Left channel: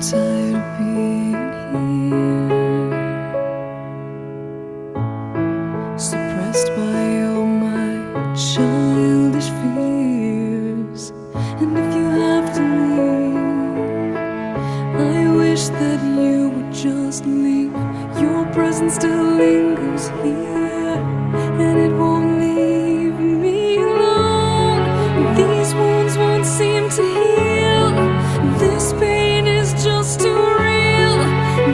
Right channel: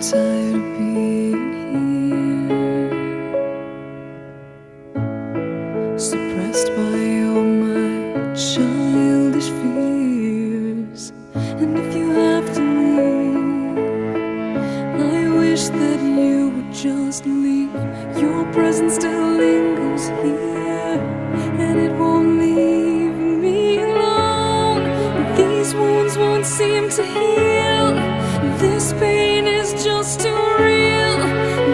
tired of being here, suppressed by all my childish fears. And if you have to leave, I wish that you would just leave. Your presence still lingers here, and it won't leave me alone. These wounds won't seem to heal. This pain is just too real.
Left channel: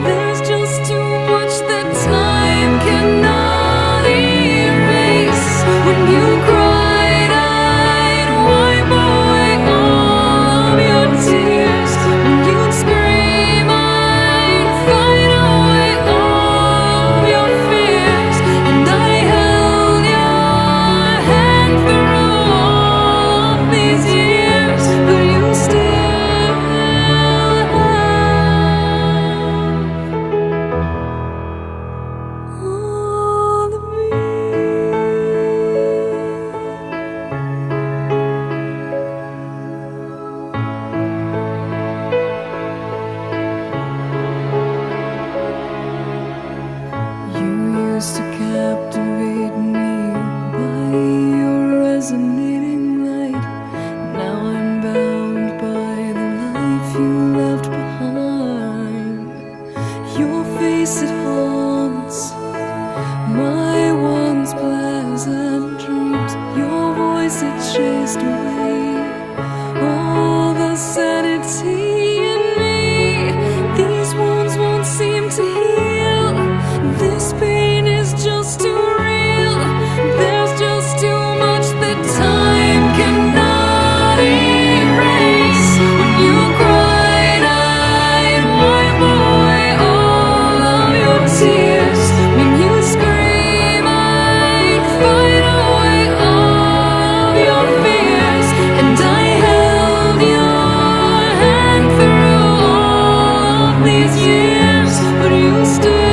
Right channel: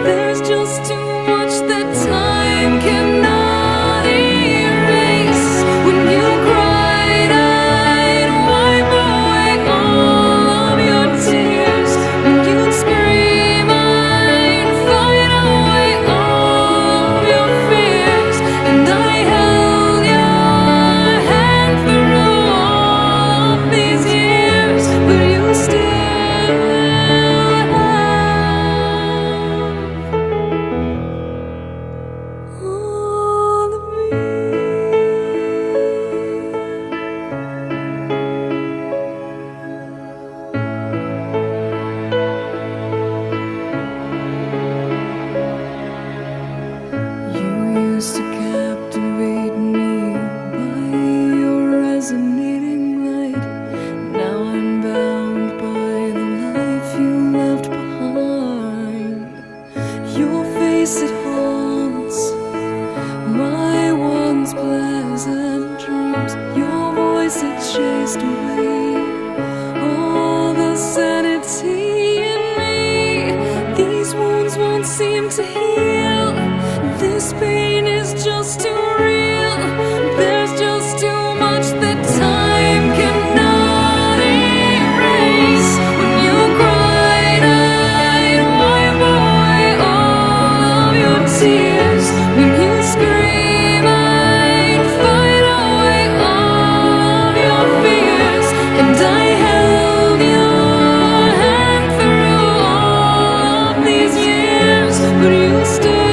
There's just too much that time cannot erase. When you cried, I'd wipe away all of your tears. When you'd scream, I'd fight away all of your fears. And I held your hand through all of these years, but you still all of me. You used to captivate me by your resonating light. Now I'm bound by the life you left behind. Your face, it haunts my once pleasant dreams. Your voice, it chased away all the sanity in me. These wounds won't seem to heal. This pain is just too real. There's just too much that time cannot erase. When you cried, I'd wipe away all of your tears. When you scream, I'd fight away all of your fears. And I held your hand through all of these years, but you still